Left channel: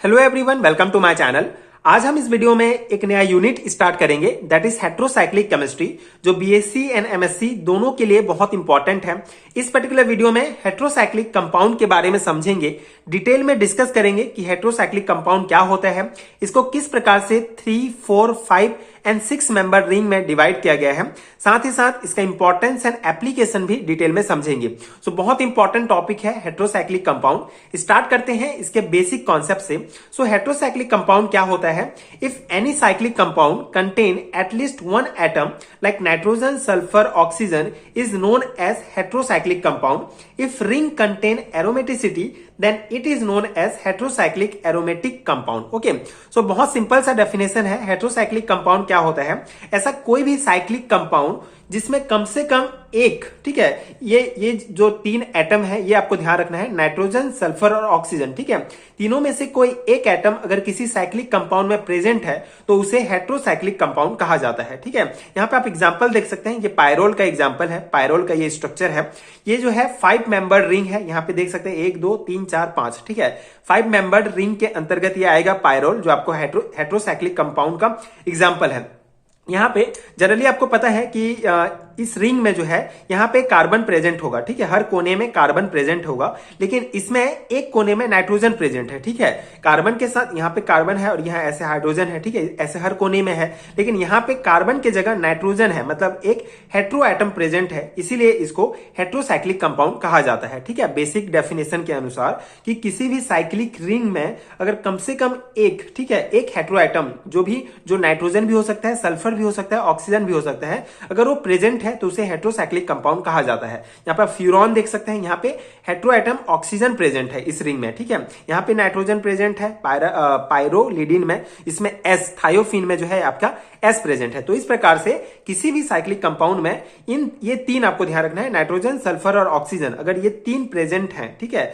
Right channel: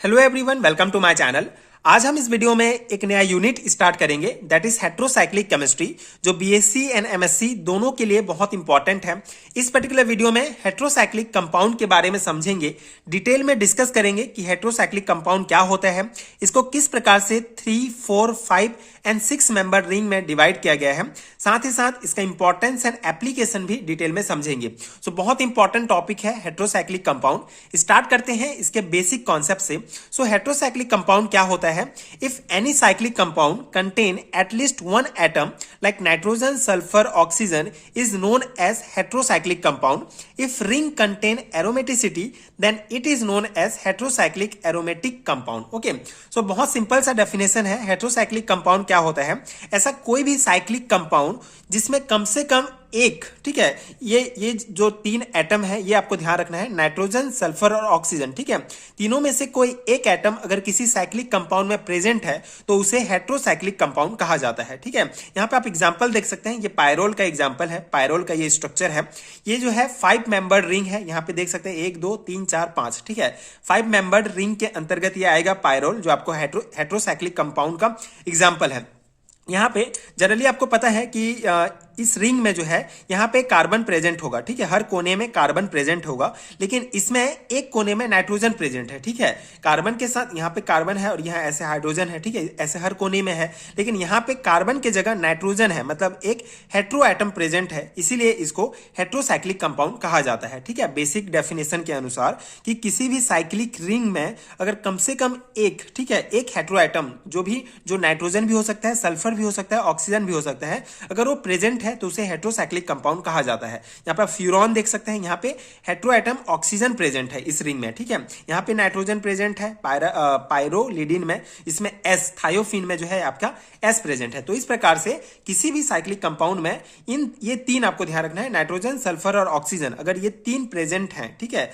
Hello everyone, welcome to my channel. आज हम इस वीडियो में एक नया यूनिट स्टार्ट करेंगे, दैट इज हेट्रोसाइक्लिक केमिस्ट्री, जो बीएससी एंड एमएससी दोनों के लिए बहुत इंपॉर्टेंट है। इस पर्टिकुलर वीडियो में हेट्रोसाइक्लिक कंपाउंड के बारे में समझेंगे, डिटेल में डिस्कस करेंगे कि हेट्रोसाइक्लिक कंपाउंड क्या होता है, इसको किस प्रकार से 3, 4, 5 एंड 6 मेंबर रिंग में डिवाइड किया गया है, साथ ही साथ इसका इंपॉर्टेंस एंड एप्लीकेशन भी डिटेल में समझेंगे। सो बहुत इंपॉर्टेंट टॉपिक है हेट्रोसाइक्लिक कंपाउंड। स्टार्ट करते हैं इसके बेसिक कॉन्सेप्ट से। सो हेट्रोसाइक्लिक कंपाउंड क्या होता है? If any cyclic compound contain at least one atom like nitrogen, sulphur, oxygen is known as heterocyclic compound. If ring contain aromaticity then it is known as heterocyclic aromatic compound। Okay, so बहुत simple सा definition है। Heterocyclic compound क्या होता है? ऐसा कोई भी cyclic compound जिसमें कम से कम एक, ठीक है, ये जो 3 एटम है, ये आपको ध्यान रखना है, नाइट्रोजन, सल्फर और ऑक्सीजन, ठीक है, तीनों में से कोई एक एटम अगर किसी साइक्लिक कंपाउंड में प्रेजेंट है तो उसे हेट्रोसाइक्लिक कंपाउंड कहा जाता है। ठीक है, यहाँ पे आप एग्जांपल देख सकते हैं, ये पायरोल का एग्जांपल है, पायरोल का ये स्ट्रक्चर है। ये जो है 5 मेंबर्ड रिंग है, यहाँ पे देख सकते हैं 1, 2, 3, 4, 5, ठीक है, 5 मेंबर्ड रिंग के अंतर्गत ये आएगा पायरोल, जो आपको हेट्रोसाइक्लिक कंपाउंड का एग्जाम्पल है। यहाँ पे जनरली आपको पता है कि इस रिंग में जो है यहाँ पे कार्बन प्रेजेंट होगा, ठीक है, हर कोने में कार्बन प्रेजेंट होगा, लेकिन इसमें एक कोने में नाइट्रोजन प्रेजेंट है। ठीक है, कार्बन के साथ यहाँ पे कार्बन है और यहाँ ऐसे हाइड्रोजन है, ठीक है, ऐसे हर कोने में है, लेकिन यहाँ पे कार्बन के जगह नाइट्रोजन है, मतलब एक हेट्रो एटम प्रेजेंट है, इसीलिए इसको हेट्रोसाइक्लिक कंपाउंड कहा जाता है। ठीक है, बेसिक डेफिनेशन के अनुसार कि किसी भी साइक्लिक रिंग में अगर कम से कम एक, ठीक है, एक हेट्रो एटम, जो नाइट्रोजन भी हो सकता है, सल्फर भी हो सकता है, ऑक्सीजन भी हो सकता है, अगर वो प्रेजेंट है तो उसे हेट्रोसाइक्लिक कंपाउंड कहा जाता है। यहाँ पर फ्यूरॉन देख सकते हैं, यहाँ पे हेट्रो एटम ऑक्सीजन प्रेजेंट है इस रिंग में, ठीक है, यहाँ पे नाइट्रोजन प्रेजेंट है पायरोलिडिन में, इसमें एस, थायोफिन में जो है आपका एस प्रेजेंट है। तो इस प्रकार से किसी भी साइक्लिक कंपाउंड में ये 3 आपको ध्यान रखना है, नाइट्रोजन, सल्फर और ऑक्सीजन, अगर ये 3 प्रेजेंट है, ठीक है,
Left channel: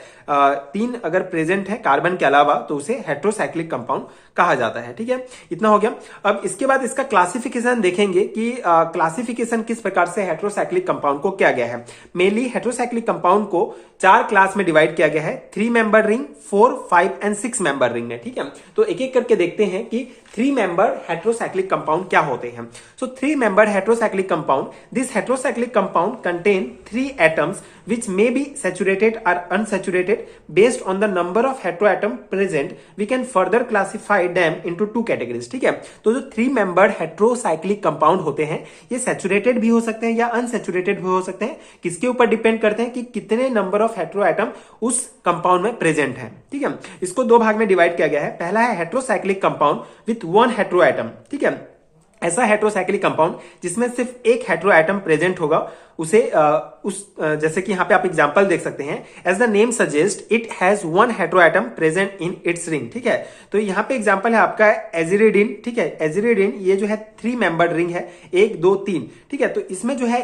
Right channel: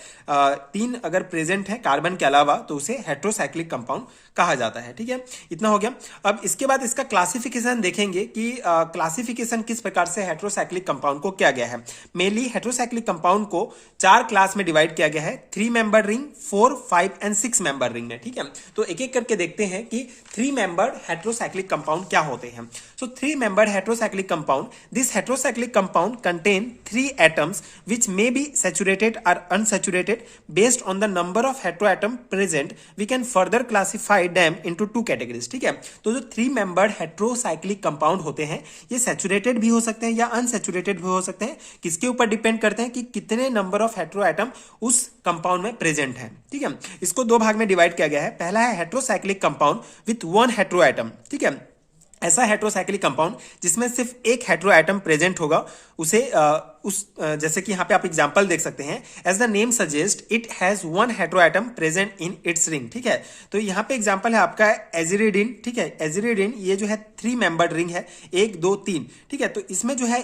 3 अगर प्रेजेंट है कार्बन के अलावा, तो उसे हेट्रोसाइक्लिक कंपाउंड कहा जाता है। ठीक है, इतना हो गया। अब इसके बाद इसका क्लासिफिकेशन देखेंगे कि क्लासिफिकेशन किस प्रकार से हेट्रोसाइक्लिक कंपाउंड को किया गया है। मेनली हेट्रोसाइक्लिक कंपाउंड को 4 क्लास में डिवाइड किया गया है, 3 member ring, 4, 5 and 6 member ring में। ठीक है, तो एक एक करके देखते हैं कि 3 मेंबर हेट्रोसाइक्लिक कंपाउंड क्या होते हैं। सो 3 member heterocyclic compound, this heterocyclic compound contain 3 atoms which may be saturated or unsaturated based on the number of heteroatom present. We can further classify them into 2 categories। ठीक है, तो जो 3 membered heterocyclic compound होते हैं, ये saturated भी हो सकते हैं या अनसैचुरेटेड भी हो सकते हैं। किसके ऊपर डिपेंड करते हैं कि कितने नंबर ऑफ हेट्रोएटम उस कंपाउंड में प्रेजेंट है। ठीक है, इसको 2 भाग में डिवाइड किया गया है। पहला है हेट्रोसाइक्लिक कंपाउंड विथ 1 हेट्रोएटम। ठीक है, ऐसा हेट्रोसाइक्लिक कंपाउंड जिसमें सिर्फ एक हेट्रो एटम प्रेजेंट होगा, उसे जैसे कि यहां पे आप एग्जांपल देख सकते हैं, as the name suggest it has 1 hetero atom present in its ring. ठीक है, तो यहां पे एग्जांपल है आपका एजिरिडिन। ठीक है, एजिरिडिन ये जो है 3 मेंबर्ड रिंग है, 1, 2, 3। ठीक है, तो इसमें जो है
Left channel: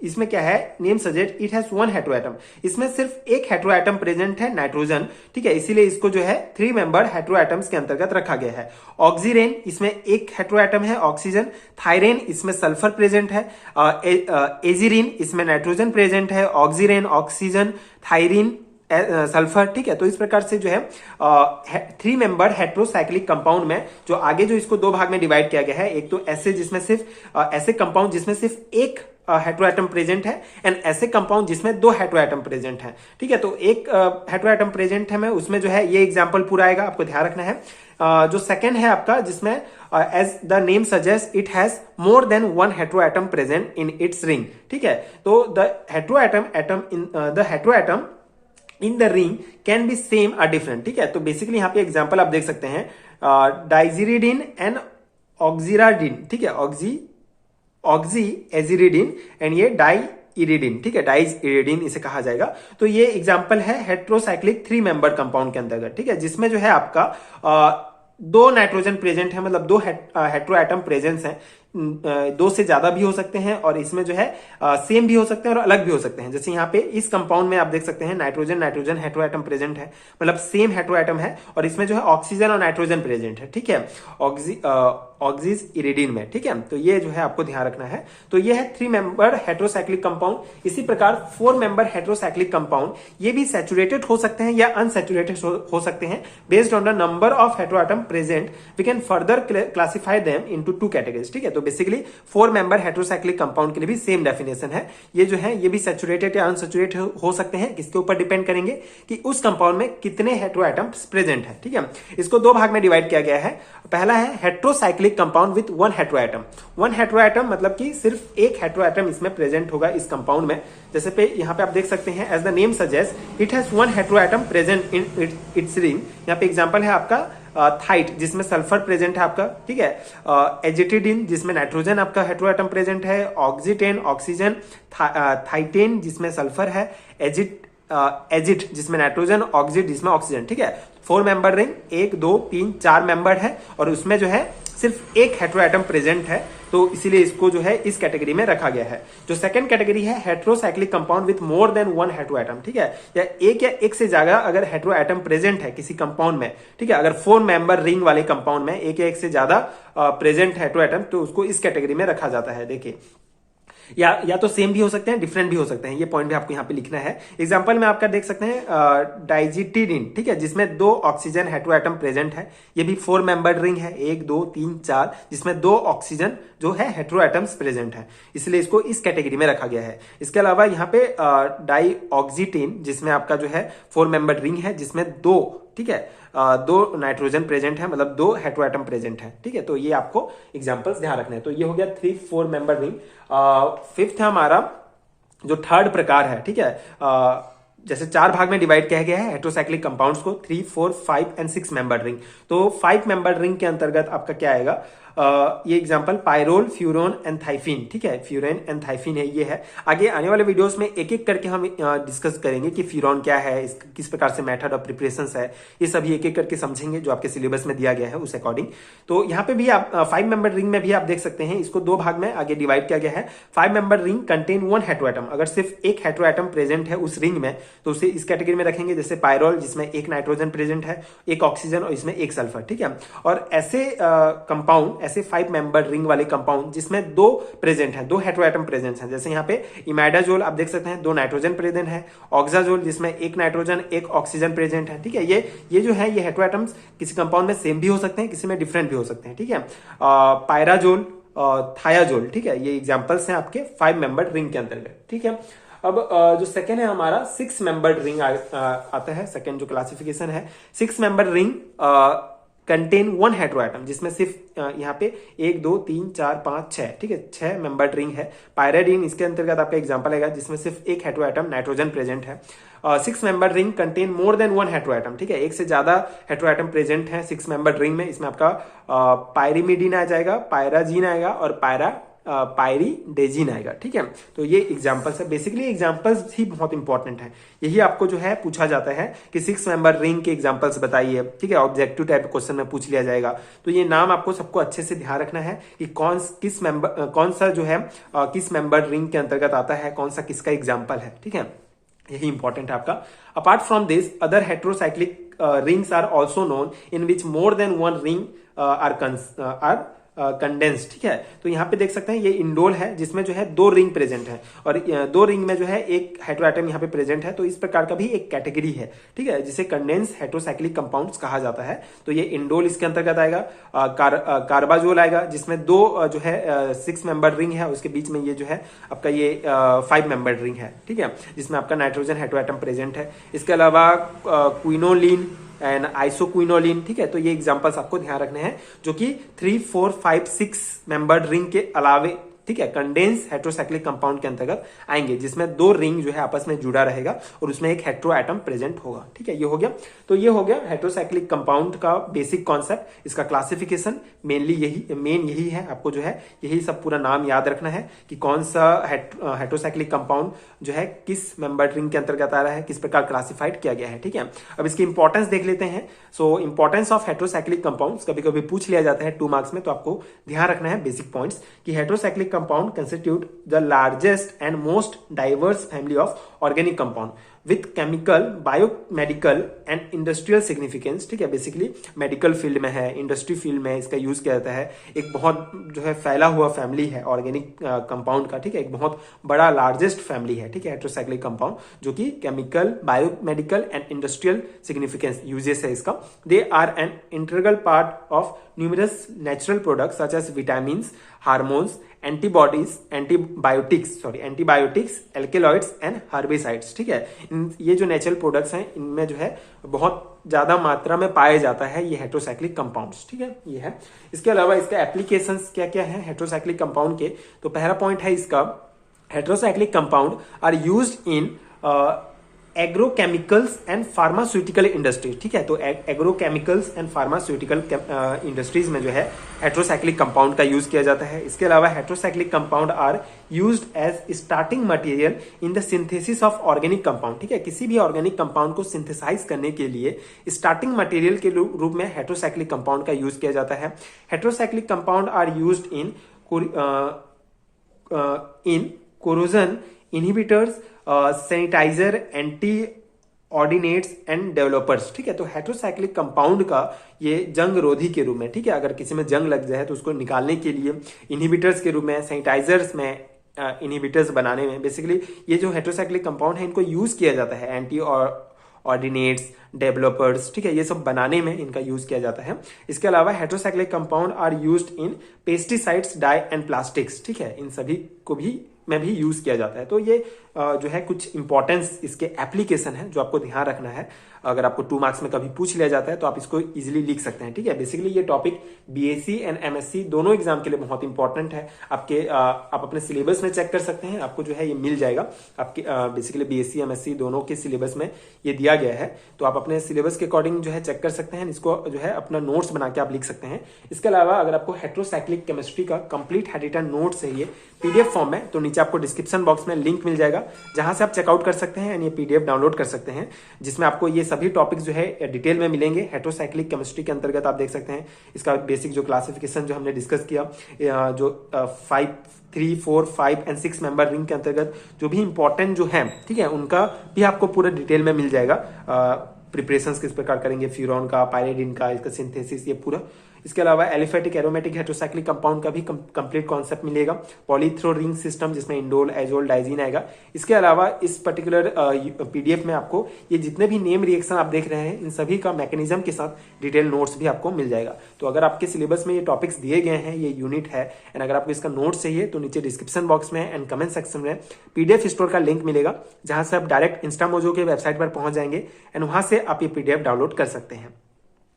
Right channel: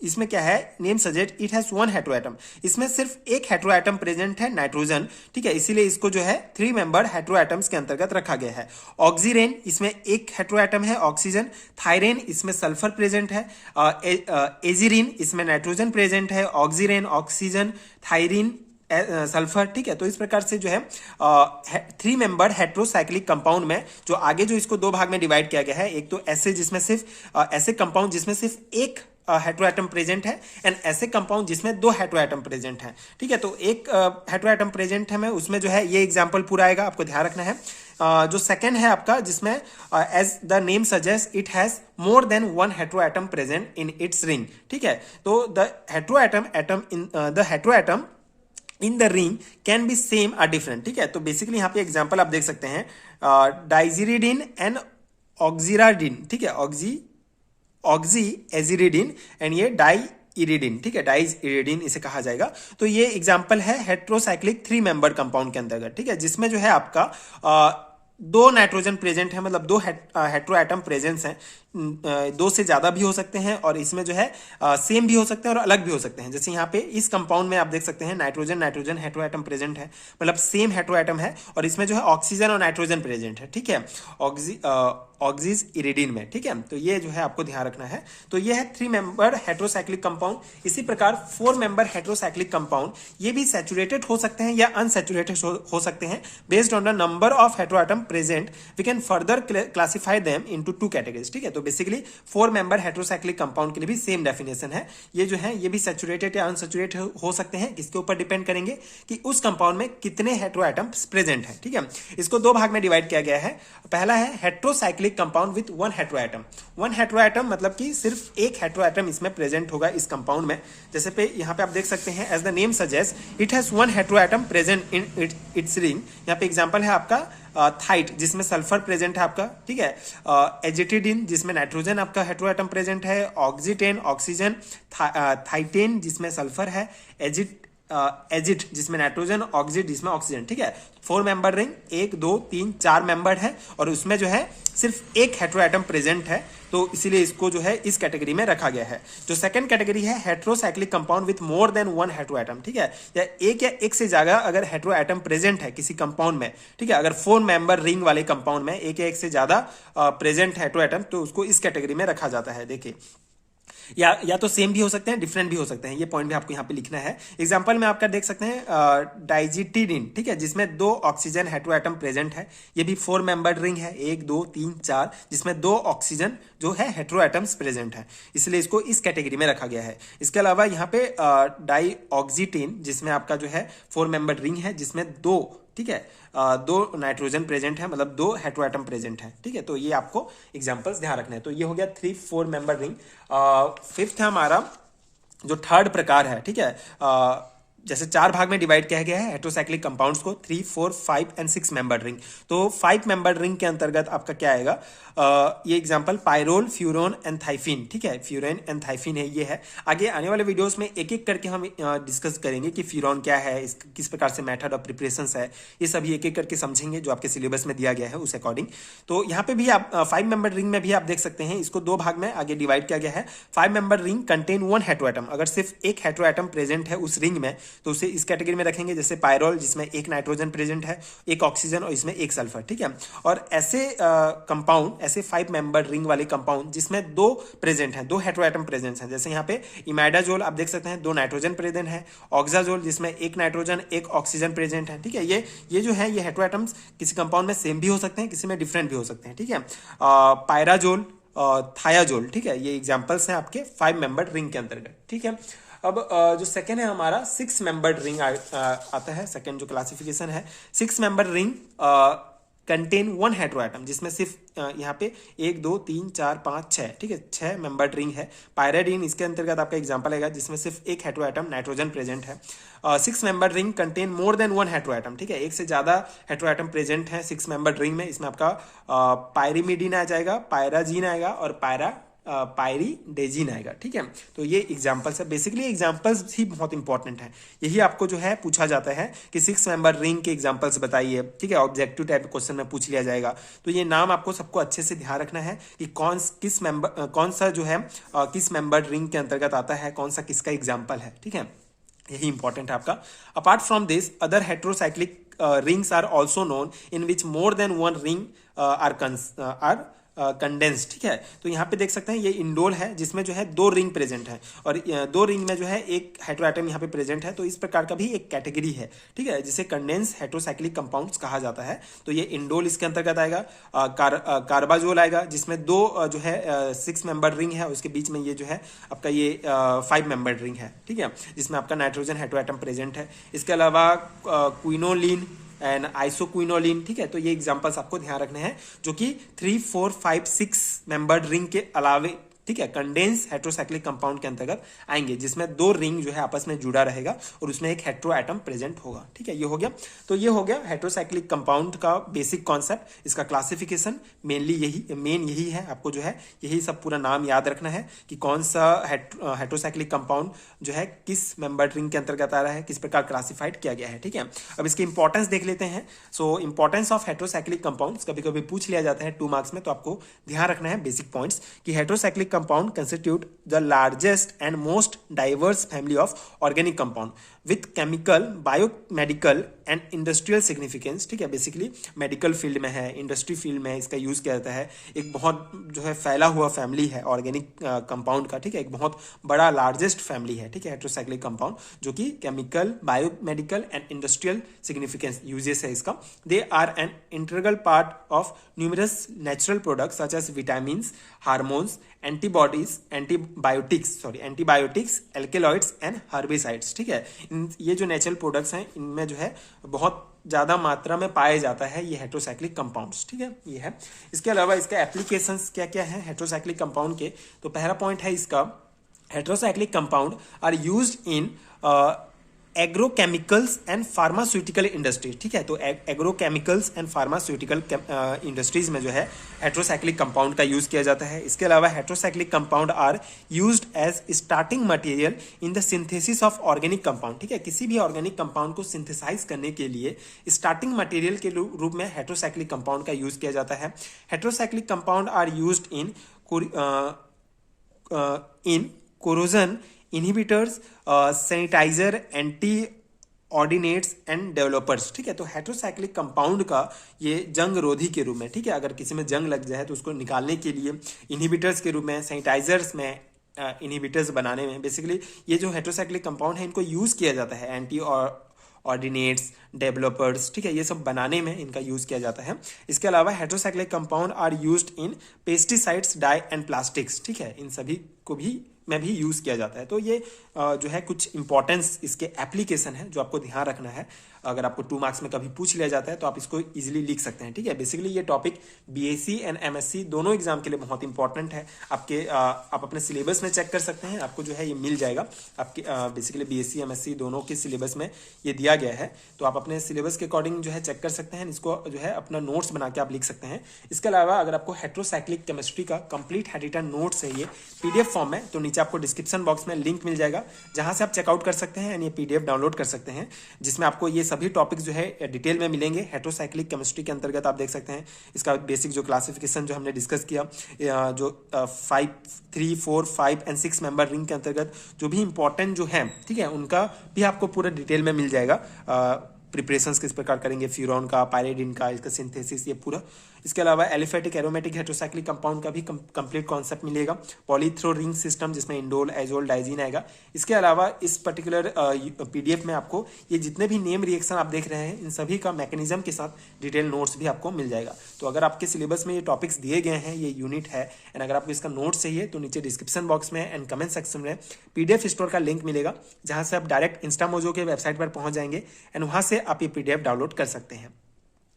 इसमें क्या है, name suggest it has 1 hetero atom, इसमें सिर्फ एक हेट्रो एटम प्रेजेंट है, नाइट्रोजन। ठीक है, इसीलिए इसको जो है 3 मेंबर हेट्रो एटम्स के अंतर्गत रखा गया है। ऑक्सीरेन, इसमें एक हेट्रो एटम है, ऑक्सीजन। थायरेन, इसमें सल्फर प्रेजेंट है। एजिरिन, इसमें नाइट्रोजन प्रेजेंट है। Oxirane, oxygen, थायरीन, sulphur. ठीक है, तो इस प्रकार से जो है 3 मेंबर हेट्रोसाइक्लिक कंपाउंड में जो आगे जो इसको 2 भाग में डिवाइड किया गया है, एक तो ऐसे जिसमें सिर्फ ऐसे कंपाउंड जिसमें सिर्फ एक हेट्रोएटम प्रेजेंट है, एंड ऐसे कंपाउंड जिसमें 2 हेट्रोएटम प्रेजेंट है। ठीक है, तो एक हेट्रोएटम प्रेजेंट है में उसमें जो है ये एग्जांपल पूरा आएगा, आपको ध्यान रखना है। जो सेकंड है आपका, जिसमें as the name suggest it has more than 1 heteroatom present in its ring. ठीक है, तो the heteroatom in the ring can be same और डिफरेंट। ठीक है, तो बेसिकली यहाँ पे एग्जांपल आप देख सकते हैं, डाइजिरिडिन एंड ऑक्सीराडिन। ठीक है, ऑक्सी एजिरिडिन एंड ये डाई इरिडिन। ठीक है, डाइज इरिडिन इसे कहा जाएगा। तो ये एग्जांपल है हेट्रोसाइक्लिक 3 मेंबर कंपाउंड के अंतर्गत। ठीक है, जिसमें जो है आपका 2 नाइट्रोजन प्रेजेंट है, मतलब 2 हेट्रो एटम प्रेजेंस है। दो से ज्यादा भी हो सकते हैं और इसमें जो है सेम भी हो सकते हैं और अलग भी हो सकते हैं। जैसे यहाँ पे इस कंपाउंड में आप देख सकते हैं nitrogen nitrogen hetero atom present है, मतलब सेम हेटेरो एटम है और इसमें जो है ऑक्सीजन और नाइट्रोजन प्रेजेंट है, ठीक है, ऑक्सीज इरिडीन में, ठीक है। तो ये जो है आपको ध्यान रखना है। तो ये है 3 मेंबर हेटेरोसाइक्लिक कंपाउंड। इसी प्रकार 4 मेंबर हेटेरोसाइक्लिक कंपाउंड ये भी सैचुरेटेड हो सकते हैं या अनसैचुरेटेड हो सकते हैं। Based on the number of hetero atom present we can further classify them into 2 categories, ठीक है। तो बेसिकली 4 मेंबर हेटेरोसाइक्लिक कंपाउंड के लिए भी सेम डेफिनेशन है। ये जो है ये भी सैचुरेटेड या अनसैचुरेटेड हो सकते हैं। किसके ऊपर डिपेंड करेंगे कि उस कंपाउंड में कितने हेटेरो एटम्स प्रेजेंट है, ठीक है। इसको 2 भाग में डिवाइड किया गया है। पहला है heterocyclic compound with 1 hetero atom. 1 hetero atom मतलब कि सिर्फ एक हेटेरो एटम इसमें प्रेजेंट होगा इस कंपाउंड में। जैसे पे यहाँ पे आप देख सकते हैं as the name suggest it has 1 hetero atom present in its ring. यहाँ पे एग्जांपल है आपका थाइट जिसमें सल्फर प्रेजेंट है आपका, ठीक है, एजिटिडिन जिसमें नाइट्रोजन आपका हेटेरो एटम प्रेजेंट है, ऑक्सीटेन ऑक्सीजन, थाइटेन जिसमें सल्फर है, एजिट जिसमें नाइट्रोजन, ऑक्सीड जिसमें ऑक्सीजन, ठीक है। 4 मेंबर रिंग, 1 2 3 4 मेंबर है और उसमें जो है सिर्फ एक हेटेरो एटम प्रेजेंट है, तो इसीलिए इसको जो है इस कैटेगरी में रखा गया है। जो सेकंड कैटेगरी है heterocyclic compound with more than 1 hetero atom, ठीक है, या एक से ज्यादा अगर हेटेरो एटम प्रेजेंट है किसी कंपाउंड में, ठीक है। अगर 4 मेंबर रिंग वाले कंपाउंड में एक या एक से ज्यादा प्रेजेंट हेटेरो एटम, तो उसको इस कैटेगरी में रखा जाता है। देखिए या तो सेम भी हो सकते हैं, डिफरेंट भी हो सकते हैं। ये पॉइंट भी आपको यहाँ पे लिखना है। एग्जांपल में आपका देख सकते हैं डाइजिटिडिन, ठीक है, जिसमें 2 ऑक्सीजन हेटेरो एटम प्रेजेंट है। ये भी 4 मेंबर रिंग है, 1 2 3 4, जिसमें 2 ऑक्सीजन जो है हेटेरो एटम्स प्रेजेंट है, इसलिए इसको इस कैटेगरी में रखा गया है। इसके अलावा यहाँ पे डाईऑक्सीटेन जिसमें आपका जो है 4 मेंबर रिंग है, जिसमें 2, ठीक है, 2 नाइट्रोजन प्रेजेंट है, मतलब 2 हेटेरो एटम प्रेजेंट है, ठीक है। तो ये आपको एग्जांपल्स ध्यान रखना है। तो ये हो गया 3-4 मेंबर रिंग। फिफ्थ है हमारा जो थर्ड प्रकार है, ठीक है, जैसे 4 भाग में डिवाइड किया गया है हेटेरोसाइक्लिक कंपाउंड्स को, 3 4 5 एंड 6 मेंबर रिंग। तो 5 मेंबर रिंग के अंतर्गत आपका क्या आएगा, ये एग्जांपल पायरोल, फ्यूरोन एंड थाइफिन, ठीक है, फ्यूरेन एंड थाइफिन है, ये है। आगे आने वाले वीडियोस में एक एक करके हम डिस्कस करेंगे कि फ्यूरोन क्या है, किस प्रकार से मेथड ऑफ प्रिपरेशंस है, ये सभी एक एक करके समझेंगे जो आपके सिलेबस में दिया गया है उस अकॉर्डिंग। तो यहाँ पे भी आप 5 मेंबर रिंग में भी आप देख सकते हैं, इसको 2 भाग में आगे डिवाइड किया गया है। 5 member ring contain 1 hetero atom. अगर सिर्फ एक हेटेरो एटम प्रेजेंट है उस रिंग में तो उसे इस कैटेगरी में रखेंगे। जैसे पायरोल जिसमें 1 नाइट्रोजन प्रेजेंट है, 1 ऑक्सीजन और इसमें 1 सल्फर, ठीक है। और ऐसे कंपाउंड, ऐसे 5 मेंबर रिंग वाले कंपाउंड जिसमें 2 प्रेजेंट हैं, 2 हेटेरो एटम प्रेजेंट हैं। जैसे यहाँ पे इमाइडाजोल आप देख सकते हैं 2 नाइट्रोजन प्रेजेंट है, ऑक्साजोल जिसमें 1 नाइट्रोजन 1 ऑक्सीजन प्रेजेंट है, ठीक है। ये जो है ये हेटेरो एटम्स किसी कंपाउंड में सेम भी हो सकते हैं, किसी में डिफरेंट भी हो सकते हैं, ठीक है। पायराजोल, थायाजोल, ठीक है, ये एग्जांपल्स हैं आपके 5 मेंबर रिंग के अंतर्गत, ठीक है। अब जो सेकेंड है हमारा 6 मेंबर्ड रिंग आता है। सेकेंड जो क्लासिफिकेशन है 6 member ring contain 1 hetero atom, जिसमें सिर्फ यहाँ पे 1 2 3 4 5 6, ठीक है, 6 मेंबर्ड रिंग है। पायराडीन इसके अंतर्गत आपका एग्जांपल आएगा जिसमें सिर्फ 1 हेटेरो एटम नाइट्रोजन प्रेजेंट है। 6 member ring contain more than 1 hetero atom, ठीक है, एक से ज्यादा हेटेरो एटम प्रेजेंट है 6 मेंबर्ड रिंग में। इसमें आपका पायरीमिडीन आ जाएगा, पायराजीन आएगा और पायरीडेजिन आएगा, ठीक है। तो ये एग्जांपल्स है। बेसिकली एग्जांपल्स ही बहुत इंपॉर्टेंट है। यही आपको जो है पूछा जाता है कि 6 मेंबर रिंग के एग्जांपल्स बताइए, ठीक है, ऑब्जेक्टिव टाइप क्वेश्चन में पूछ लिया जाएगा। तो ये नाम आपको सबको अच्छे से ध्यान रखना है कि कौन सा जो है किस मेंबर रिंग के अंतर्गत आता है, कौन सा किसका एग्जाम्पल है, ठीक है, यही इंपॉर्टेंट है आपका। Apart from this other heterocyclic rings are also known in which more than 1 ring are condense, ठीक है। तो यहाँ पे देख सकते हैं ये इंडोल है जिसमें जो है 2 रिंग प्रेजेंट है और 2 रिंग में जो है 1 हेटेरो एटम यहाँ पे प्रेजेंट है। तो इस प्रकार का भी एक कैटेगरी है, ठीक है, जिसे कंडेंस हेटेरोसाइक्लिक कंपाउंड्स कहा जाता है। तो ये इंडोल इसके अंतर्गत आएगा। कार्बाजोल आएगा जिसमें 2 जो है 6 मेंबर रिंग है, उसके बीच में ये जो है आपका ये 5 मेंबर रिंग है, ठीक है, जिसमें आपका नाइट्रोजन हेटेरो एटम प्रेजेंट है। इसके अलावा क्विनोलिन एंड आइसोक्विनोलिन, ठीक है। तो ये एग्जांपल्स आपको ध्यान रखने हैं जो कि 3 4 5 6 मेंबर्ड रिंग के अलावे ठीक है, कंडेंस हेट्रोसाइक्लिक कंपाउंड के अंतर्गत आएंगे, जिसमें 2 रिंग जो है आपस में जुड़ा रहेगा और उसमें एक हेट्रो एटम प्रेजेंट होगा। ठीक है, ये हो गया। तो ये हो गया हेट्रोसाइक्लिक कंपाउंड का बेसिक कॉन्सेप्ट, इसका क्लासिफिकेशन मेन यही है। आपको जो है यही सब पूरा नाम याद रखना है कि कौन सा हेट्रोसाइक्लिक कंपाउंड जो है किस मेंबर रिंग के अंतर्गत आ रहा है, किस प्रकार क्लासिफाइड किया गया है। ठीक है, अब इसकी इंपॉर्टेंस देख लेते हैं। सो इंपॉर्टेंस ऑफ हेट्रोसाइक्लिक कंपाउंड्स कभी कभी पूछ लिया जाता है 2 मार्क्स में, तो आपको ध्यान रखना है बेसिक पॉइंट्स कि heterocyclic compound constitute the largest and most diverse family of organic compound with chemical, biomedical and industrial significance. ठीक है, बेसिकली मेडिकल फील्ड में है, इंडस्ट्री फील्ड में इसका यूज किया जाता है। एक बहुत जो है फैला हुआ फैमिली है ऑर्गेनिक कंपाउंड का। ठीक है, एक बहुत बड़ा लार्जेस्ट फैमिली है। ठीक है, हेट्रोसाइक्लिक कंपाउंड जो कि chemical, biomedical and industrial significance uses है इसका। They are an integral part of numerous natural products such as vitamins, hormones, antibodies, antibiotics, alkaloids and herbicides. ठीक है, ये जो नेचुरल प्रोडक्ट्स हैं इनमें जो है बहुत ज्यादा मात्रा में पाया जाता है ये हेट्रोसाइक्लिक कंपाउंड्स। ठीक है, ये है। इसके अलावा इसका एप्लीकेशंस क्या क्या है हेट्रोसाइक्लिक कंपाउंड के, तो पहला पॉइंट है इसका, heterocyclic compound are used in agrochemicals and pharmaceutical industries. ठीक है, तो एग्रोकेमिकल्स एंड फार्मास्यूटिकल इंडस्ट्रीज में जो है हेट्रोसाइक्लिक कंपाउंड का यूज किया जाता है। इसके अलावा heterocyclic compound are used as starting material in the synthesis of organic compound. ठीक है, किसी भी ऑर्गेनिक कंपाउंड को सिंथेसाइज करने के लिए स्टार्टिंग मटेरियल के रूप में हेट्रोसाइक्लिक कंपाउंड का यूज किया जाता है। Heterocyclic compound are used in corrosion inhibitors, sanitiser, antioxidants and developers. ठीक है, तो हेट्रोसाइक्लिक कंपाउंड का ये जंग रोधी के रूप में, ठीक है, अगर किसी में जंग लग जाए तो उसको निकालने के लिए, इनहिबिटर्स के रूप में, सैनिटाइजर्स में, इनहिबिटर्स बनाने में, बेसिकली ये जो हेट्रोसाइक्लिक कंपाउंड है इनको यूज किया जाता है। एंटी ऑर्डिनेट्स, डेवलपर्स, ठीक है, ये सब बनाने में इनका यूज किया जाता है। इसके अलावा heterocyclic compound are used in pesticides, dye and plastics. ठीक है, इन सभी को भी में भी यूज किया जाता है। तो ये जो है कुछ इंपॉर्टेंस इसके एप्लीकेशन है जो आपको ध्यान रखना है। अगर आपको 2 मार्क्स में कभी पूछ लिया जाता है तो आप इसको इजीली लिख सकते हैं। ठीक है, बेसिकली ये टॉपिक बीएससी एंड एमएससी दोनों एग्जाम के लिए बहुत इंपॉर्टेंट है। आप अपने सिलेबस में चेक कर सकते हैं, आपको जो है ये मिल जाएगा। आपके बेसिकली बीएससी एमएससी दोनों के सिलेबस में ये दिया गया है, तो आप अपने सिलेबस के अकॉर्डिंग जो है चेक कर सकते हैं। इसको जो है अपना नोट्स बना के आप लिख सकते हैं। इसके अलावा अगर आपको हेट्रोसाइक्लिक केमिस्ट्री का कंप्लीट हैंड नोट चाहिए पीडीएफ फॉर्म में, तो नीचे आपको डिस्क्रिप्शन बॉक्स में लिंक मिल जाएगा, जहां से आप चेकआउट कर सकते हैं एंड ये पीडीएफ डाउनलोड कर सकते हैं, जिसमें आपको ये सभी टॉपिक्स जो है डिटेल में मिलेंगे। हेट्रोसाइक्लिक केमिस्ट्री के अंतर्गत आप देख सकते हैं इसका बेसिक जो क्लासिफिकेशन जो हमने डिस्कस किया, जो 5, 3, 4, 5 एंड 6 मेंबर रिंग के अंतर्गत जो भी इंपॉर्टेंट जो है, ठीक है, उनका भी आपको पूरा डिटेल में मिल जाएगा। प्रिपरेशंस किस प्रकार करेंगे, फ्यूरॉन का, पायरिडिन का, इसका सिंथेसिस, ये पूरा। इसके अलावा एलिफेटिक एरोमेटिक हेट्रोसाइक्लिक कंपाउंड का भी कंप्लीट कॉन्सेप्ट मिलेगा। पॉलीथ्रो रिंग सिस्टम जिसमें इंडोल, एजोल, डाइजीन आएगा। इसके अलावा इस पर्टिकुलर पीडीएफ में आपको ये जितने भी नेम रिएक्शन आप देख रहे हैं इन सभी का मैकेनिज्म के साथ डिटेल नोट्स भी आपको मिल जाएगा। तो अगर आपके सिलेबस में ये टॉपिक्स दिए गए हैं, ये यूनिट है, एंड अगर आपको इसका नोट चाहिए तो नीचे डिस्क्रिप्शन बॉक्स में एंड कमेंट सेक्शन में पीडीएफ स्टोर का लिंक मिलेगा, जहां से आप डायरेक्ट इंस्टामोजो के वेबसाइट पर पहुंच जाएंगे एंड वहां से आप ये पीडीएफ डाउनलोड कर सकते हैं।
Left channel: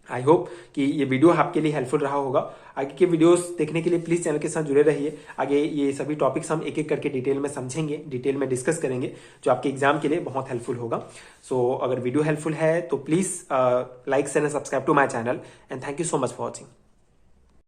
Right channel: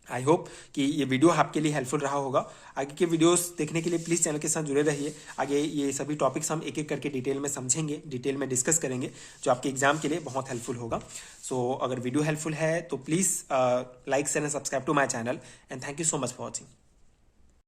आई होप कि ये वीडियो आपके लिए हेल्पफुल रहा होगा। आगे के वीडियोस देखने के लिए प्लीज चैनल के साथ जुड़े रहिए। आगे ये सभी टॉपिक्स हम एक एक करके डिटेल में समझेंगे, डिटेल में डिस्कस करेंगे, जो आपके एग्जाम के लिए बहुत हेल्पफुल होगा। सो अगर वीडियो हेल्पफुल है तो please like share and subscribe to my channel and thank you so much for watching.